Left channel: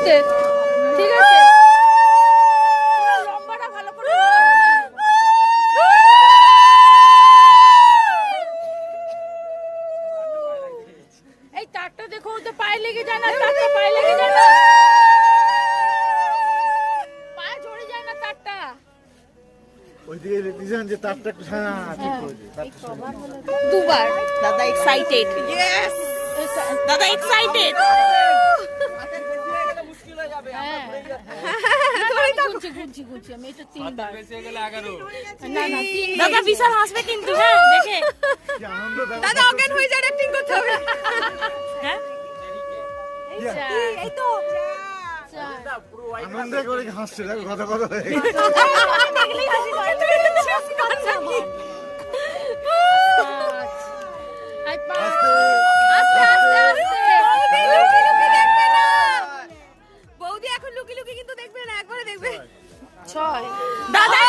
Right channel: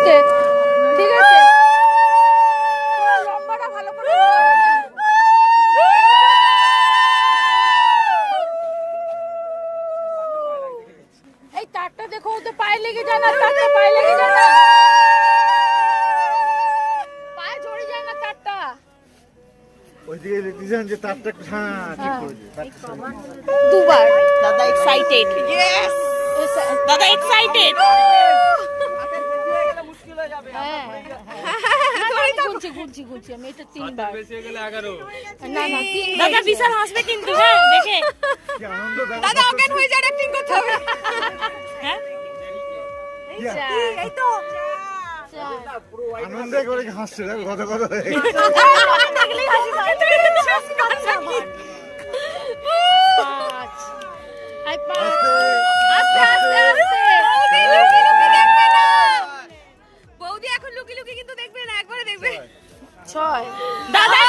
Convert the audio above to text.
আস্তে, ঠিক আছে? লম্বাটা ভালো করে। এই তারটা দেখো, তো পায়ে লেগে যায় না, তারটা পায়ে লেগে যায় না, পায়ে জড়ে যায় না তারটা। ওইদিকে দেখতেছেন যে তারটা একটু ঠিক করেছে। দুবার দাদা এক্সাইটেড। ইয়েস, দাদা এক্সাইটেড। হ্যাঁ, গুনছি আমি এটা 3 বার। না না, 3 দাদা বিশাল হাসবে কিন্তু। হ্যাঁ, দেখে কি আনন্দ দাদা অজ্ঞান হয়ে যায়, অ্যাক্টিং করতে হবে। হ্যাঁ, এই তো আনন্দে করে হাসছে, দেখো কথা কথা হয়ে গেছে। দেখলেই হাসি পায়। বৌদি এখন লুকি লুকি কিন্তু দেখবে না, একবারে দেখবে। 6 দাদা